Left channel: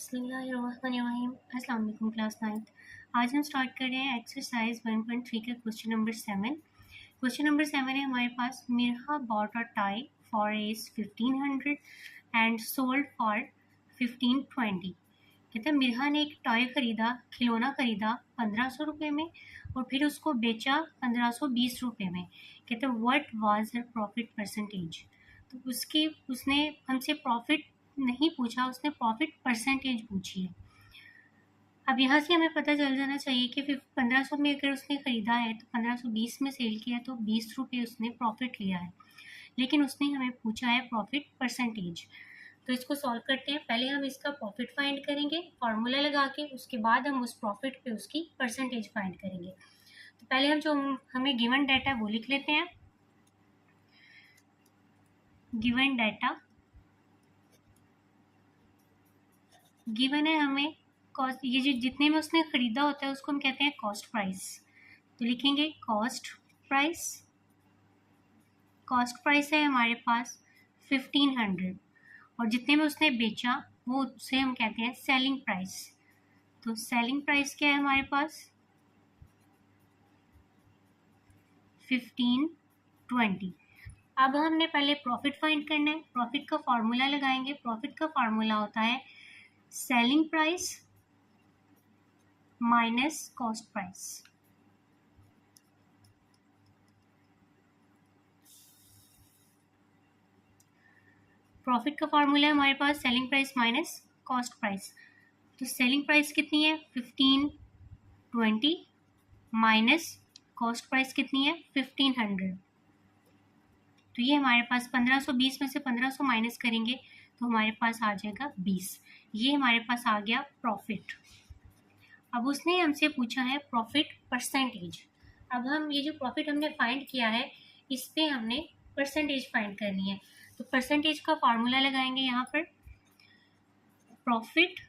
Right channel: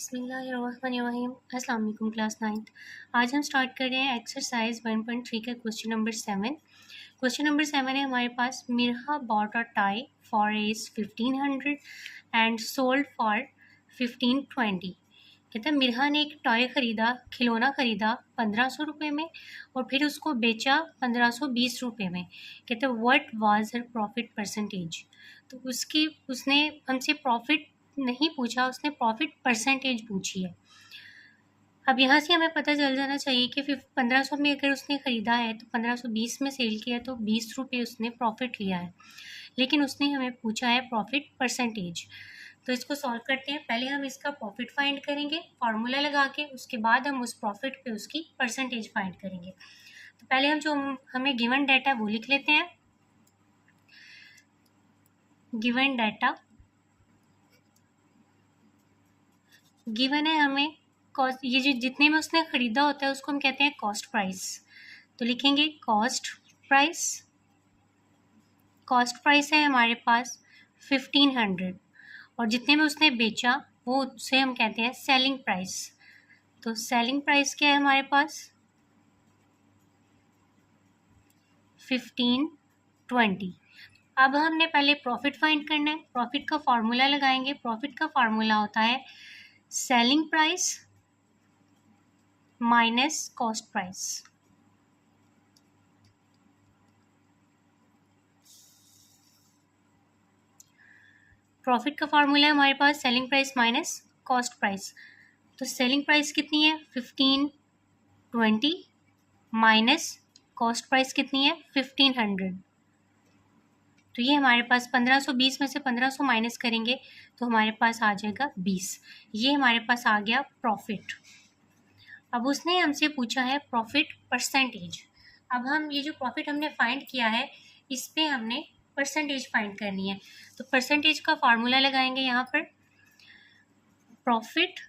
बिस्मिल्लाहिर्रहमानिर्रहीम। अस्सलाम वालेकुम क्लास 9th। आज हम स्टार्ट कर रहे हैं एक्सरसाइज 1.3 का क्वेश्चन नंबर 7। क्वेश्चन नंबर 7 है हमारे पास, Mirha bought a tie for as 1500 and sold for 1520। कहते हैं मिरहा ने एक टॉय ख़रीदा, खिलौना ख़रीदा 1500 रुपये में और फिर उसको बेचा 1520 रुपये में। कहते हैं what was her profit percentage. तो उसने हमसे प्रॉफिट नहीं पूछा, उसने प्रॉफिट परसेंटेज पूछी है। अब यहाँ से हमें पता चल जाना चाहिए कि 1500 में अगर उसने ख़रीदा है तो 1520 में सेल किया तो 20 रुपये उसने प्रॉफिट लिया है, लेकिन उसने हमें पूछा है प्रॉफिट परसेंटेज। तो इसको सॉल्व करते हैं। पहले हम इसका प्रॉफिट फाइंड करेंगे फार्मूला लगा के, उसके बाद हम उस प्रॉफिट पे उसकी परसेंटेज फाइंड करेंगे। तो पहले हम जो हमें गिवन डाटा वो लिख लेते हैं। गिवन डाटा गिवन है हमें कॉस्ट, ये जो जितने में उसने ख़रीदा होता है उसको हम कहते हैं कॉस्ट प्राइस। तो लिखेंगे कॉस्ट प्राइस। कॉस्ट प्राइस है हमारे पास 1500 और जितने में उसने बेचा वो उसे हम कहते हैं सेलिंग प्राइस। तो सेलिंग प्राइस क्या है हमारे पास 1520। अब हमने पहले प्रॉफिट फाइंड करना है। प्रॉफिट का फार्मूला लगाएंगे। प्रॉफिट का फार्मूला होता है selling price minus cost price. Profit का फार्मूला है हमारे पास selling price minus cost price. तो सेलिंग प्राइस कितनी है 1520 माइनस कॉस्ट प्राइस कितनी है 1500। तो ये हमारे पास 1520 में से 1500 माइनस करेंगे तो हमारे पास आ जाएगा 20। ये हमारे पास आ गया प्रॉफिट। अब उसने हमसे पूछा है प्रॉफिट परसेंटेज। अब हम ये जो प्रॉफिट हमने फाइंड किया है इस पे हमने परसेंटेज फाइंड करनी है। तो परसेंटेज का फार्मूला लगाएंगे यहाँ पर। प्रॉफिट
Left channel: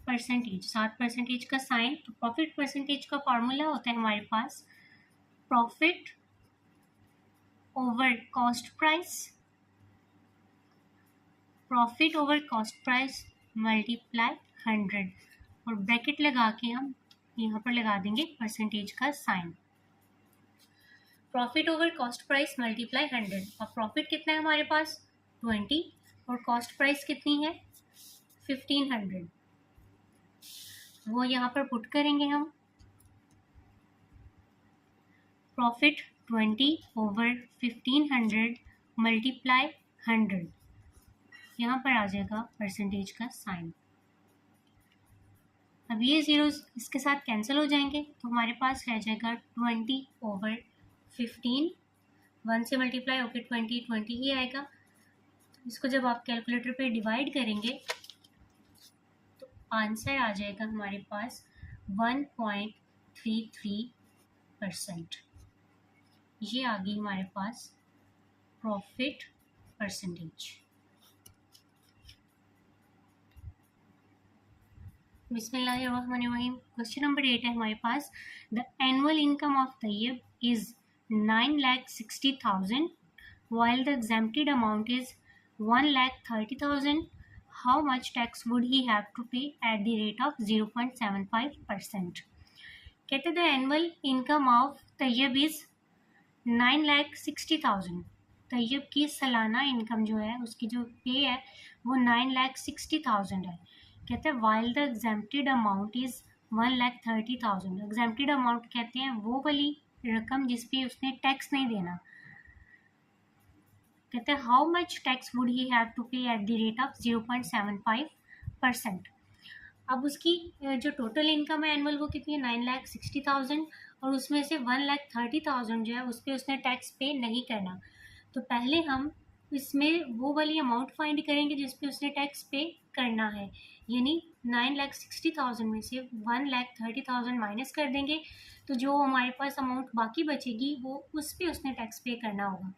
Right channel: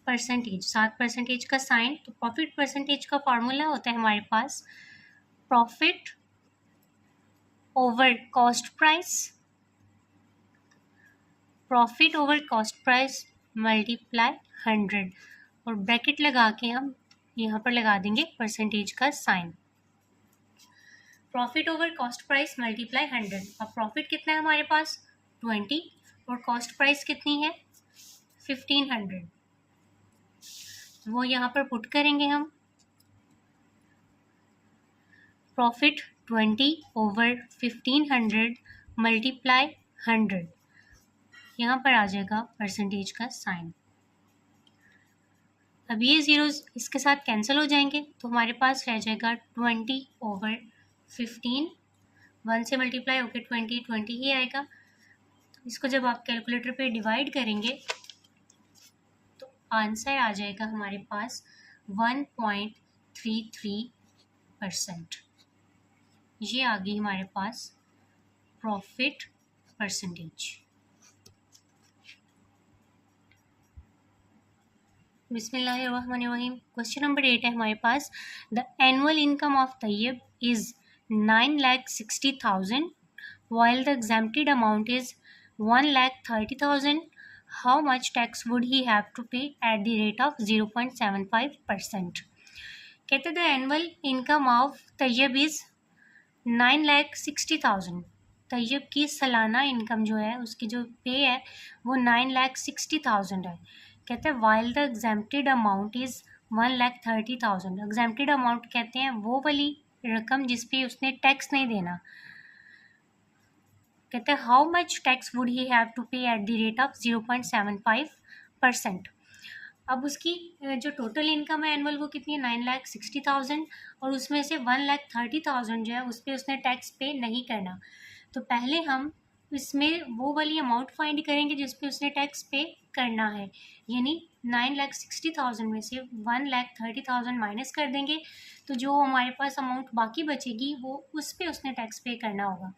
परसेंटेज, साथ परसेंटेज का साइन। तो प्रॉफिट परसेंटेज का फार्मूला होता है हमारे पास profit over cost price, profit over cost price multiply 100 और ब्रैकेट लगा के हम यहाँ पर लगा देंगे परसेंटेज का sign. Profit over cost price multiply 100। अब प्रॉफिट कितना है हमारे पास 20 और कॉस्ट प्राइस कितनी है 1500, वो यहाँ पर पुट करेंगे हम। प्रॉफिट 20 ओवर 1500 मल्टीप्लाई 100, यहाँ पर आ जाएगा परसेंटेज का साइन। अब ये ज़ीरोज़ इसके साथ कैंसिल हो जाएंगे तो हमारे पास रह जाएगा 20 ओवर 15। 1 से मल्टीप्लाई होकर 20 ही आएगा। तो इसको जब आप कैलकुलेटर पे डिवाइड करेंगे तो आंसर आ जाएगा हमारे पास 1.33%। ये आ गई हमारे पास प्रॉफिट परसेंटेज। बिस्मिल्लाहिर्रहमानिर्रहीम। क्वेश्चन नंबर 8 है हमारे पास, the annual income of Tayyab is 9,60,000 while the exempted amount is 1,30,000. How much tax would he have to pay at the rate of 0.75%? कहते the annual income of Tayyab is 9,60,000। Tayyab की सालाना income जो है उसकी जो पे है वो 9,60,000 है। कहते हैं while the exempted amount is 1,30,000। Exempted amount कहते हैं वो वाली रकम जिस पे उसने टैक्स नहीं देना। कहते हैं how much tax would he have to pay at the rate of 0.75%। अब उसकी जो टोटल इनकम है एनुअल वो कितनी है 9,60,000 और उसमें से 1,30,000 जो है उस पर उसने टैक्स पे नहीं करना। तो पहले हम इसमें वो वाली अमाउंट फाइंड करेंगे जिस पे उसने टैक्स पे करना है, यानी 9,60,000 में से 1,30,000 माइनस कर देंगे तो जो हमारे पास अमाउंट बाकी बचेगी वो उस पे उसने टैक्स पे करना होगा।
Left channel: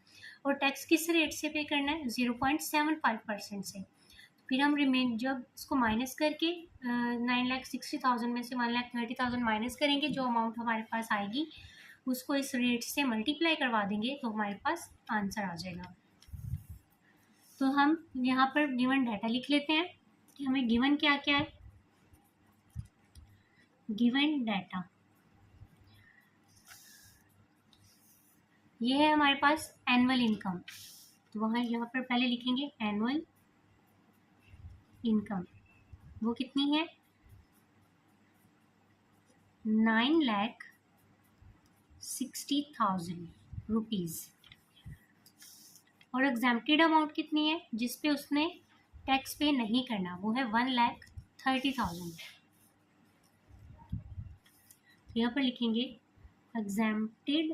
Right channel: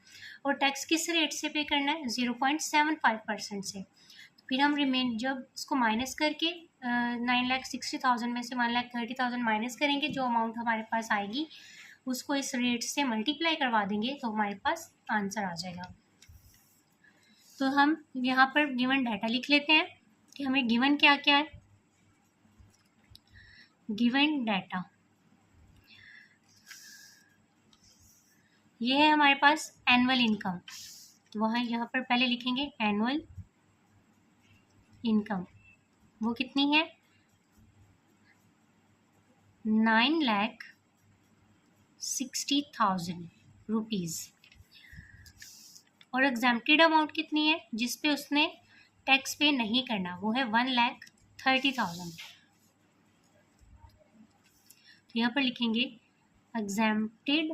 और टैक्स किस रेट से पे करना है 0.75% से। फिर हम जब इसको माइनस करके 9,60,000 में से 1,30,000 माइनस करेंगे, जो अमाउंट हमारे पास आएगी उसको इस रेट से मल्टीप्लाई करवा देंगे तो हमारे पास आंसर आ जाएगा। तो हम यहाँ पर गिवन डाटा लिख लेते हैं। कि हमें गिवन क्या क्या है, गिवन डाटा ये है हमारे पास एनुअल इनकम। तो वहाँ यहाँ पर पहले लिखेंगे एनुअल इनकम, वो कितनी है 9,60,000 रुपीज़। और एग्जेम्प्टेड अमाउंट कितनी है जिस पे उसने टैक्स पे नहीं करना, वो है 1,30,000। तो यहाँ पर लिखेंगे एग्जेम्प्टेड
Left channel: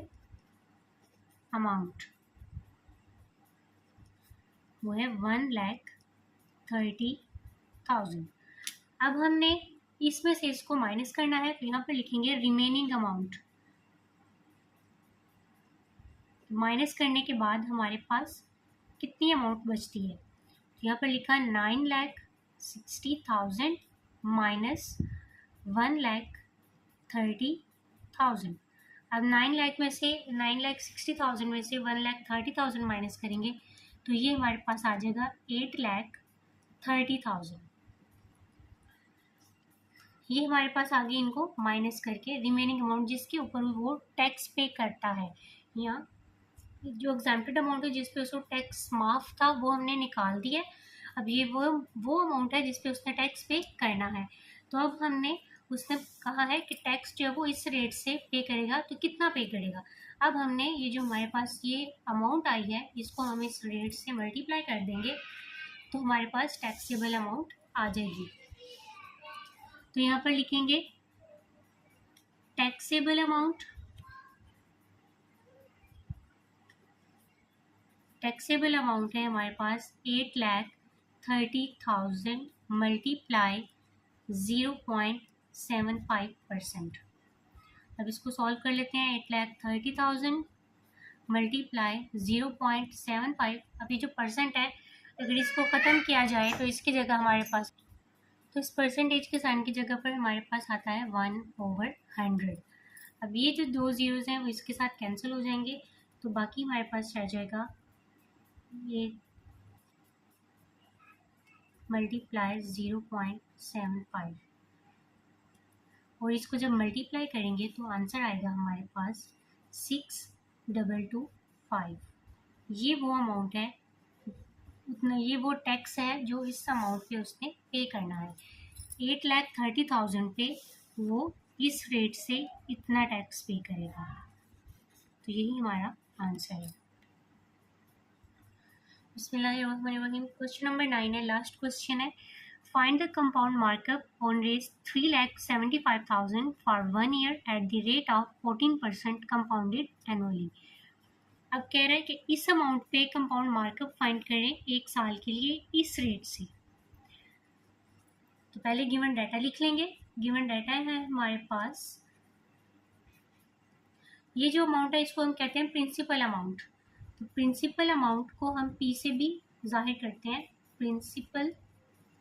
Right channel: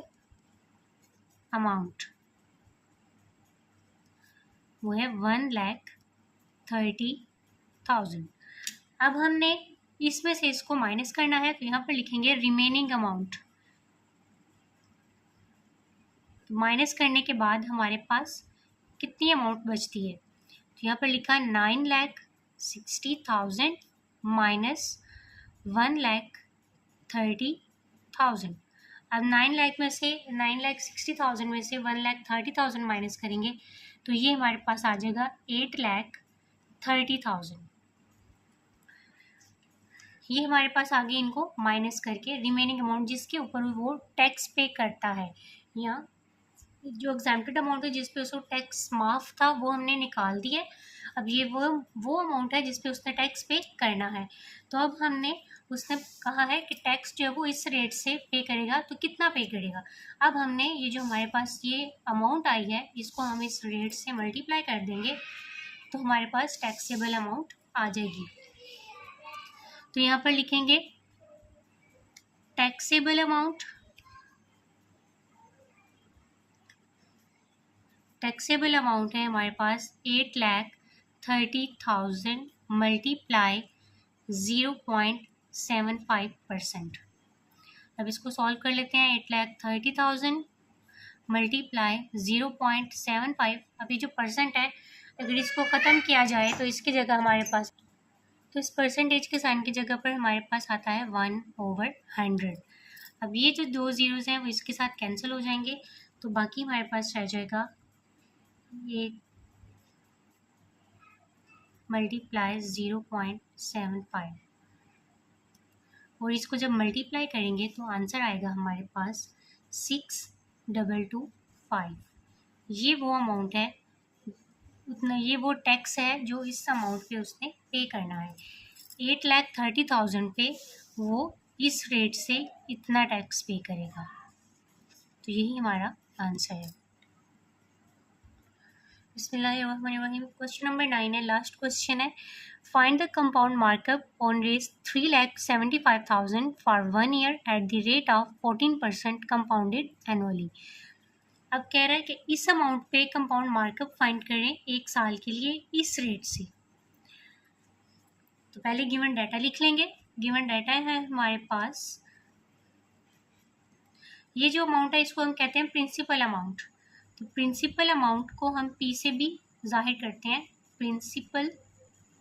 अमाउंट, वो है 1,30,000। अब हमने इसमें से इसको माइनस करना है, तो यहाँ पर लिखेंगे रिमेनिंग अमाउंट। माइनस करने के बाद हमारे पास कितनी अमाउंट बचती है, तो यहाँ पर लिखा 9,60,000 माइनस 1,30,000। अब 9,60,000 में से 1,30,000 माइनस करेंगे तो ये हमारे पास आ जाएगा 8,30,000। ये हमारे पास आगे इनको माइनस करके रिमेनिंग अमाउंट जिसके ऊपर वो टैक्स पे करता है, या जो एग्जेम्प्टेड अमाउंट है जिस पे उसको टैक्स माफ था वो हमने निकाल दिया। अब ये वो अमाउंट है जिस पे उसने टैक्स पे करना है। तो अब हमने उसने कहा है कि टैक्स जो है वो इस रेट से पे करेगा, तो कितना पे करेगा। अब हमने ये जो हमारे पास ये अमाउंट आई है इसको हम इस रेट से मल्टीप्लाई कर देंगे तो हमारे पास टैक्सेबल अमाउंट आ जाएगी। तो यहाँ पर लिखेंगे टैक्सेबल अमाउंट, टैक्सेबल अमाउंट है हमारे पास 8,30,000 मल्टीप्लाई 0.75%। अब इसको सॉल्व कर लेते हैं। 8,30,000 मल्टीप्लाई 0.75, अभी जो परसेंट है अगर इसको ख़त्म किया जाए तो इसकी जगह हमारे पास, तो इस परसेंटेज के साइन की जगह पर हमारे पास आता है 1/100। अब ये जो दो ज़ीरोज़ हैं वो इसके साथ कैंसिल हो जाएंगे, तो बाकी हमारे पास रह जाएगा ये मल्टीप्लाई 0.75, और इसको जब मल्टीप्लाई करेंगे तो आंसर आएगा हमारे पास 6,225। ये वो अमाउंट है, उतना ये वो टैक्स है जो इस अमाउंट पे उसने पे करना है। 8,30,000 पे वो इस रेट से इतना टैक्स पे करेगा। तो यही हमारा आंसर है। बिस्मिल्लाहिर्रहमानिर्रहीम। क्वेश्चन नंबर 9 है, लास्ट क्वेश्चन है। Find the compound markup on Rs 3,75,000 for 1 year at the rate of 14% compounded annually. अब कह रहा है कि इस अमाउंट पे कंपाउंड मार्कअप फाइंड करें 1 साल के लिए इस रेट से। तो पहले गिवन डाटा लिख लेंगे। गिवन डाटा है हमारे पास, ये जो अमाउंट है इसको हम कहते हैं प्रिंसिपल अमाउंट। तो प्रिंसिपल अमाउंट को हम पी से भी जाहिर करते हैं, प्रिंसिपल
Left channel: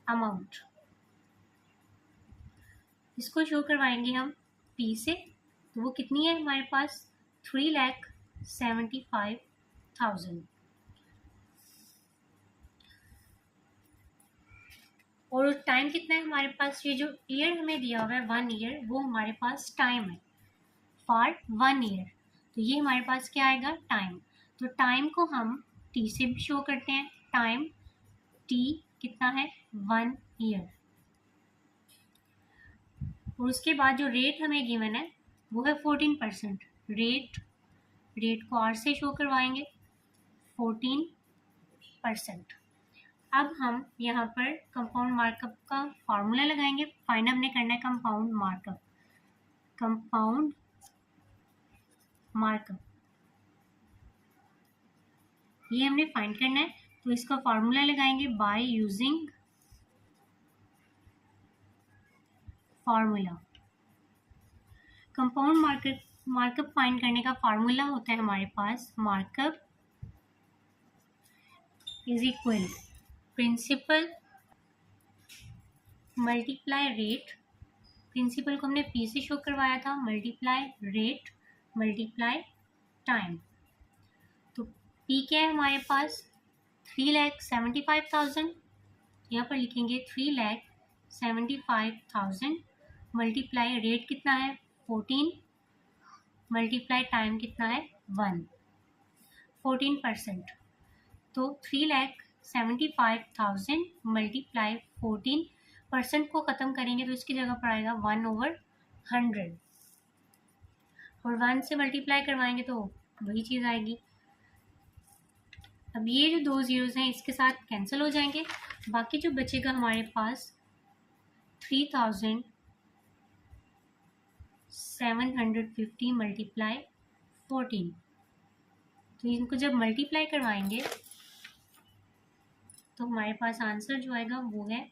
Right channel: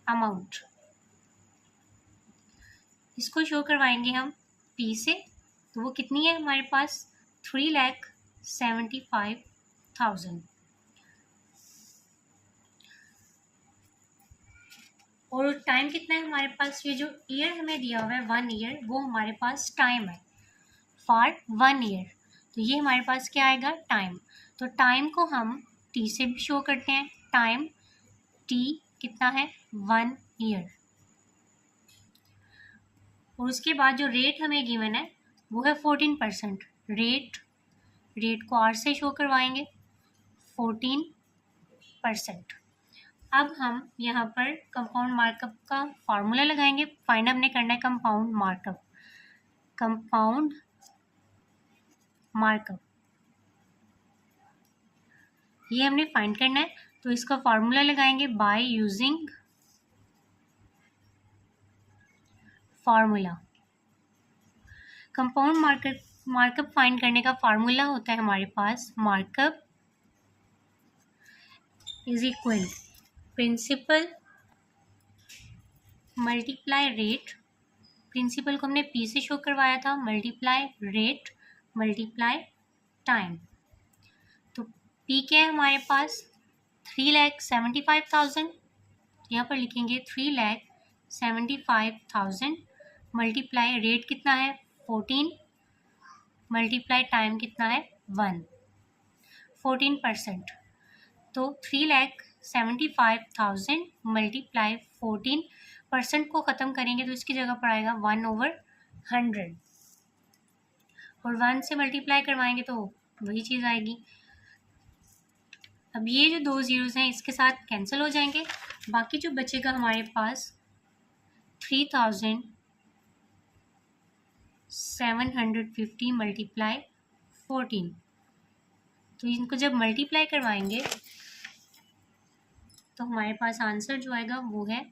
अमाउंट। इसको शो करवाएंगे हम पी से, तो वो कितनी है हमारे पास 3,75,000। और टाइम कितना है हमारे पास, ये जो ईयर हमें दिया हुआ है 1 ईयर, वो हमारे पास टाइम है फॉर 1 ईयर। तो ये हमारे पास क्या आएगा टाइम। तो टाइम को हम टी से भी शो करते हैं। टाइम टी कितना है 1 ईयर। और उसके बाद जो रेट हमें गिवन है वो है 14%। रेट को आर से शो करवाएंगे 14%। अब हम यहाँ पर कंपाउंड मार्कअप का फॉर्मूला लगाएंगे। फाइंड हमने करना है कंपाउंड मार्कअप। कंपाउंड मार्कअप ये हमने फाइंड करना है, तो इसका फॉर्मूला लगाएंगे by using formula. Compound markup find करने का फॉर्मूला होता है हमारे पास markup is equal principal multiply rate. Principal को हमने पी से शो करवाया था, मल्टीप्लाई रेट मल्टीप्लाई टाइम। तो पी क्या है हमारे पास 3,75,000, यहाँ पर लिखेंगे 3,75,000 मल्टीप्लाई रेट कितना है 14 मल्टीप्लाई टाइम कितना है 1 14%। तो 3,75,000 मल्टीप्लाई 14% को ख़त्म करेंगे तो इसकी जगह पर आएगा 1/100 और 1 से मल्टीप्लाई करवाएंगे तो वही चीज़ आएगी। अब ये जो 2 ज़ीरोज़ हैं इसके साथ कैंसिल हो जाएंगे, बाकी जो बचेगा हमारे पास 3,750 मल्टीप्लाई 14। तो इनको जब मल्टीप्लाई करवाएंगे तो हमारे पास आंसर जो आएगा वो है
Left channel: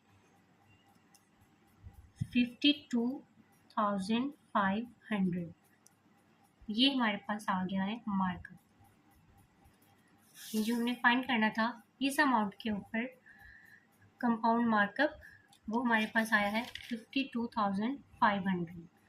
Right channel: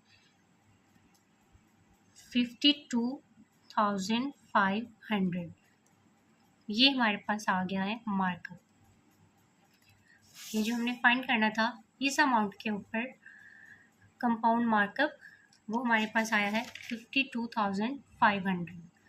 52,500। ये हमारे पास आ गया है मार्कअप। ये जो हमने फाइंड करना था इस अमाउंट के ऊपर कंपाउंड मार्कअप वो हमारे पास आया है 52,500।